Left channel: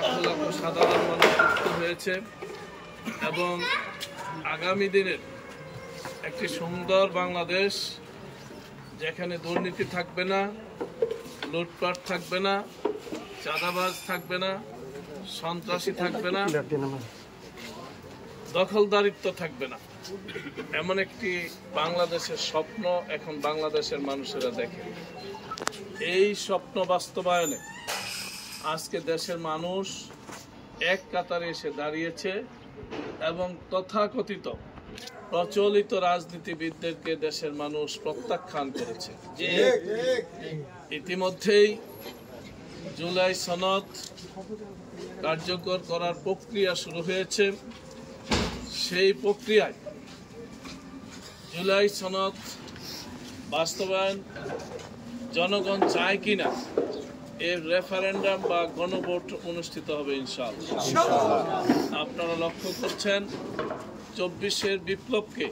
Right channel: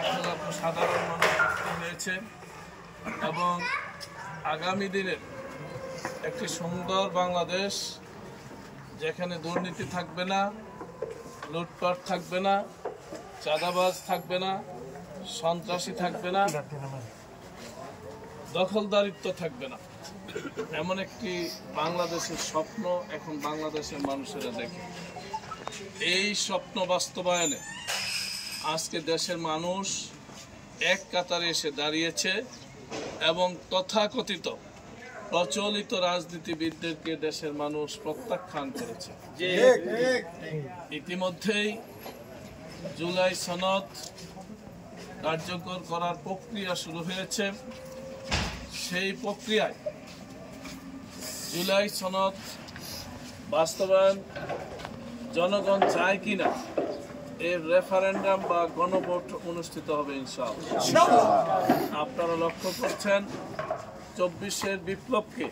লাখ লাখ সাধারণ মানুষ যুক্ত হয়েছে এবং আগামী দিনের একটি সুন্দর বাংলাদেশ যেখানে দুর্নীতি থাকবে না, লুটপাট থাকবে না, চাঁদাবাজ থাকবে না, সন্ত্রাসী থাকবে না, দখলদারিত্ব থাকবে না, এমন একটি বাংলাদেশের স্বপ্ন এখন বাংলাদেশের মানুষেরা দেখে। এই স্বপ্ন বাস্তবায়নে আজকে দেশের মানুষ এক কাতারে এসে দাঁড়িয়েছে এবং তথাকথিত প্রচলিত রাজনীতিবিদদেরকে দেশের মানুষ প্রত্যাখ্যান করেছে। ইতিমধ্যেই জুলাই সনদ কার্যকর করার প্রক্রিয়া শুরু হয়েছে। সেই প্রক্রিয়ায় জুলাই সনদ বাস্তবায়ন জনগণ চায় কিনা এর রেফারেন্ডাম বা গণভোট অনুষ্ঠিত হবে ইনশাআল্লাহ। আপনারা লক্ষ্য করছেন ২৪-এর বিপ্লবকে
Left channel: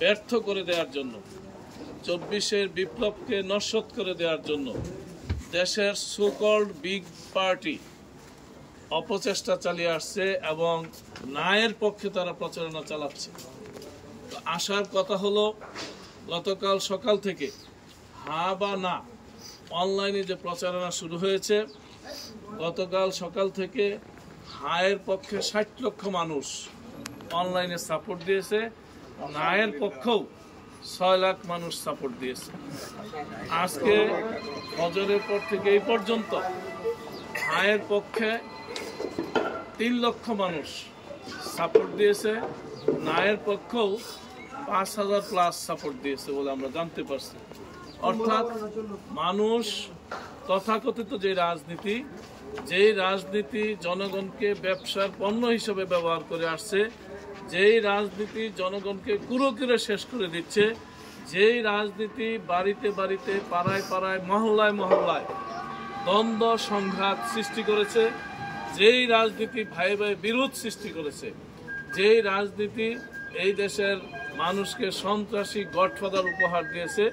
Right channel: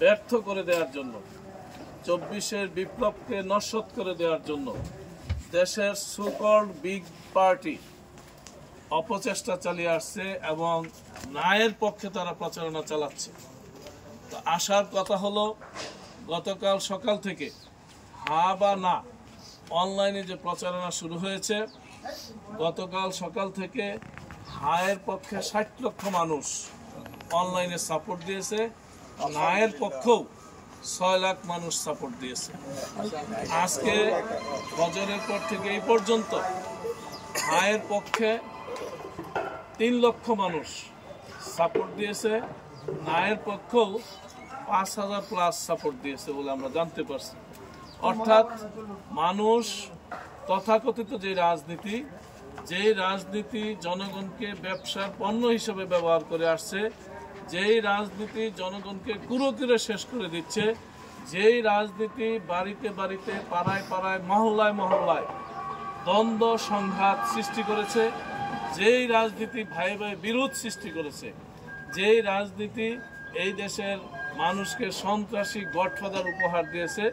ব্যর্থ করে দেওয়ার জন্য, ২৪-এর বিপ্লবকে নস্যাৎ করে দেওয়ার জন্য দেশের সুকল্ড বিগ পার্টি অপচেষ্টা চালিয়ে আসছে এবং ন্যায়ের পক্ষে তারা প্রচারণা চালাচ্ছে। তো আসার কথা হলো, গতকাল সকাল থেকে হা বা না অনলাইনে যে প্রচারণা শুরু হয়েছে, গতকাল সকাল থেকে হায়ের পক্ষে ৬০ লক্ষ মানুষ অনলাইনে সাপোর্ট দিয়েছে, নায়ের পক্ষেও ৬ লাখ মানুষ সাপোর্ট দিয়েছে। আজকে ফজরের পর থেকে এই পর্যন্ত হায়ের পক্ষে ৩ লক্ষ মানুষ সাপোর্ট দিয়েছে, নায়ের পক্ষেও ৫,০০০ প্লাস সাপোর্ট দিয়েছে বলে আমরা জানতে পারছি। অর্থাৎ মানুষ তথাকথিত যে রাজনীতি জনগণকে ব্যবসার পণ্য হিসেবে ব্যবহার করে আসছে, যেই রাজনীতি জনগণকে কুরুকিরে শেষ করে দিচ্ছে, যেই রাজনীতি বাড়িতে বাড়িতে, পাড়ায় পাড়ায়, মহল্লায় মহল্লায় দ্বন্দ্ব সংঘাত সৃষ্টি করেছে, যেই রাজনীতি ভাই ভাই বিরোধ সৃষ্টি করেছে, যেই রাজনীতি এই দেশের মানুষকে সন্ত্রাসী গডফাদার উপহার দিয়েছে,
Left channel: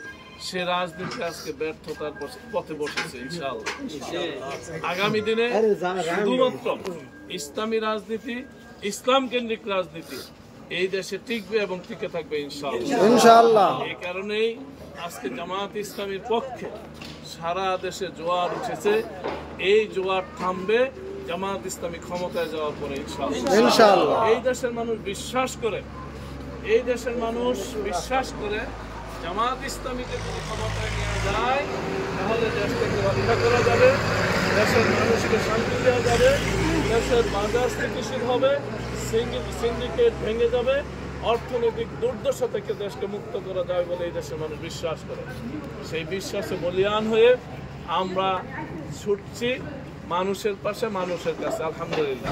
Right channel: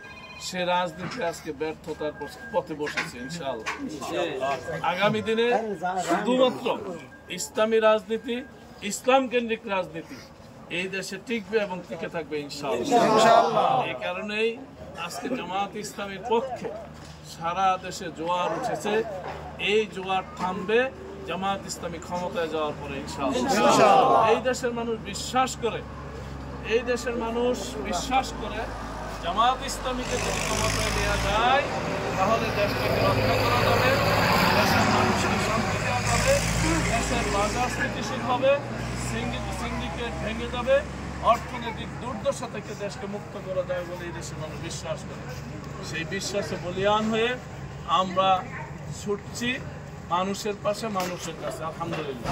সে রাজনীতি আজকে ব্যর্থতার পথে বসেছে। ইনশাআল্লাহ আগামী দিনে শুধুমাত্র ইসলামী রাজনীতি, ইসলাম কেন্দ্রিক রাজনীতি এই দেশে টিকবে এবং টিকে থাকবে ইনশাআল্লাহ। এই কারণেই আজকে জামায়াত ইসলামীর পক্ষে সারা দেশে জোয়ার উঠেছে। এই জোয়ার থামবে জামায়াত ইসলামী ক্ষমতায় যাওয়ার পরে ইনশাআল্লাহ। এই দেশের মানুষ বিশ্বাস করে জামায়াত ইসলামীকে যদি ক্ষমতায় নেওয়া যায় তাহলে দেশটাকে রক্ষা করা যাবে, দেশের মানুষকে শান্তি দেওয়া যাবে, দেশের বাজার স্থিতিশীল হবে, সিন্ডিকেট ভেঙে যাবে, অর্থনৈতিক দুর্দশা থেকে দেশকে মুক্ত করা যাবে বলে এই দেশের মানুষ বিশ্বাস করে। সেই বিশ্বাসে বলীয়ান হয়ে আমরা ছুটছি মানুষের পাশে, মানুষের কাছে। আলহামদুলিল্লাহ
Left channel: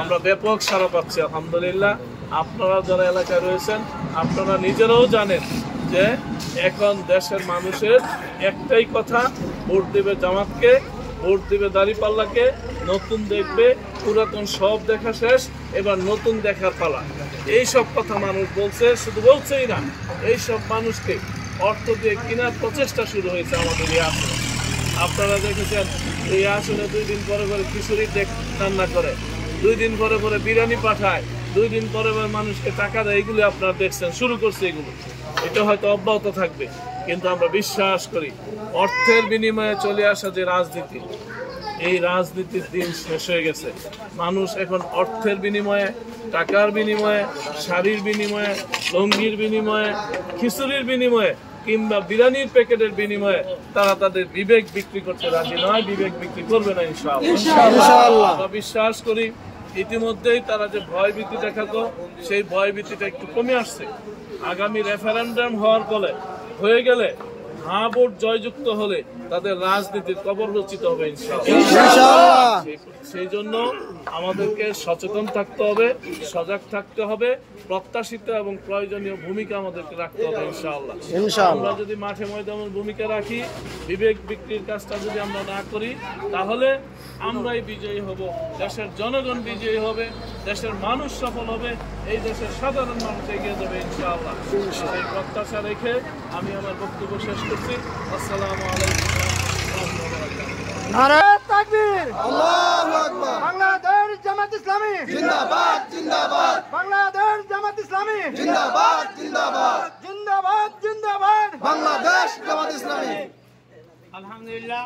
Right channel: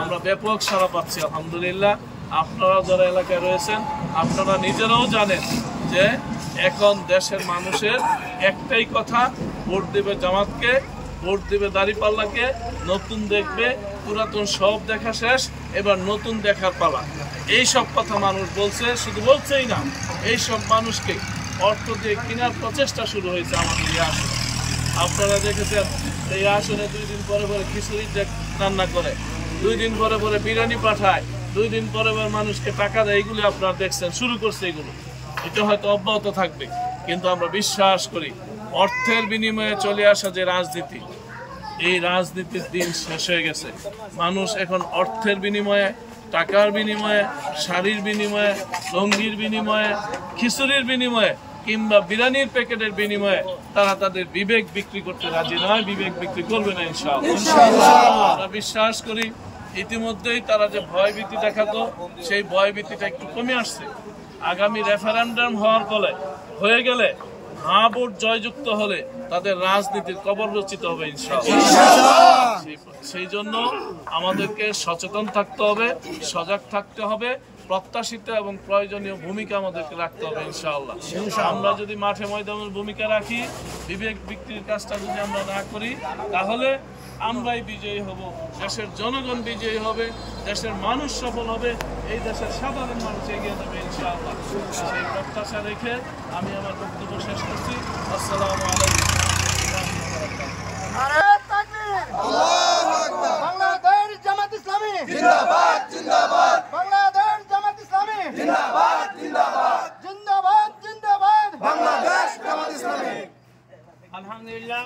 আমরা ব্যাপক সাড়া পাচ্ছি আলহামদুলিল্লাহ। আপনারা যারা এলাকায় রয়েছেন আপনারা নিজেরাও জানেন যে এখন দেশের মানুষের একটাই কথা, ভোট দিবে জামাতকে, ভোট দিবে দাঁড়িপাল্লাকে, নতুন দেখবে, পুরাতন সব দেখা শেষ, এবার নতুন দেখার পালা। এই সব কথা মানুষ বলছে, শুধু বলছেই না, এই সব মানুষকে অর্থ দিয়ে কেনার প্রচেষ্টা শুরু হয়েছে আমাদের এই আসনে। আপনারা দেখেছেন এই আসনে 2 দিন পরে পরে খিচুড়ি রান্না করে, 2 দিন পরে পরে বিরিয়ানি পাঠায়, 2 দিন পরে পরে মানুষকে টাকা দেয়। এগুলি আপনারা দেখছেন, শুরু করছে এগুলো। এটা হয়তো অব্যাহত থাকবে, কিন্তু আমরা বিশ্বাস করি অর্থের বিনিময়ে চলে আসা যে রাজনীতি, এই রাজনীতির দিন শেষ হয়ে গেছে। মানুষ এখন অর্থের বিনিময়ে, টাকার বিনিময়ে, শাড়ির বিনিময়ে, লঙ্গির বিনিময়ে, খিচুড়ির বিনিময়ে কিংবা বিরিয়ানির প্যাকেটের বিনিময়ে তারা তাদের বিবেক বিক্রি করতে রাজি নয়, বিবেক বিক্রি করবে না ইনশাআল্লাহ। আমরা বিশ্বাস করি ইতিমধ্যেই তারা যে ভয়ভীতি দেখাতো, সেই ভয়ভীতিটা একটু কমে আসছে। আগামী রেফারেন্ডাম হয়ে গেলে হ্যাঁ ভোট জয়যুক্ত হলে তাদের রাজনীতির কবর রচিত হবে ইনশাআল্লাহ। সেই জন্য আমাদেরকে সচেতন থাকতে হবে, সজাগ থাকতে হবে, প্রত্যাশিত এবং প্রয়োজনীয় ভূমিকা আমাদেরকে রাখতে হবে ইনশাআল্লাহ। আমরা যদি মাঠে ময়দানের ভূমিকা রাখি, বিবেক বিক্রির কাজটা যদি আমরা না করি, তাহলে আমরাই বিজয়ী হব, দেশের জনগণ বিজয়ী হবে, দেশের মানুষ সফল হবে, এই দেশের সাধারণ মানুষ এগিয়ে যাবে ইনশাআল্লাহ। সেই প্রত্যাশা রেখে আমি আমার বক্তব্য শেষ করছি। আসসালামু আলাইকুম ওয়া রাহমাতুল্লাহি ওয়া বারাকাতুহু। নারে তাকবীর, আল্লাহু আকবার। জামাত ইসলামী জিন্দাবাদ জিন্দাবাদ বাংলাদেশ জামাত ইসলামী জিন্দাবাদ জিন্দাবাদ জিন্দাবাদ জিন্দাবাদ বাংলাদেশ জামাত ইসলামী আলহামদুলিল্লাহ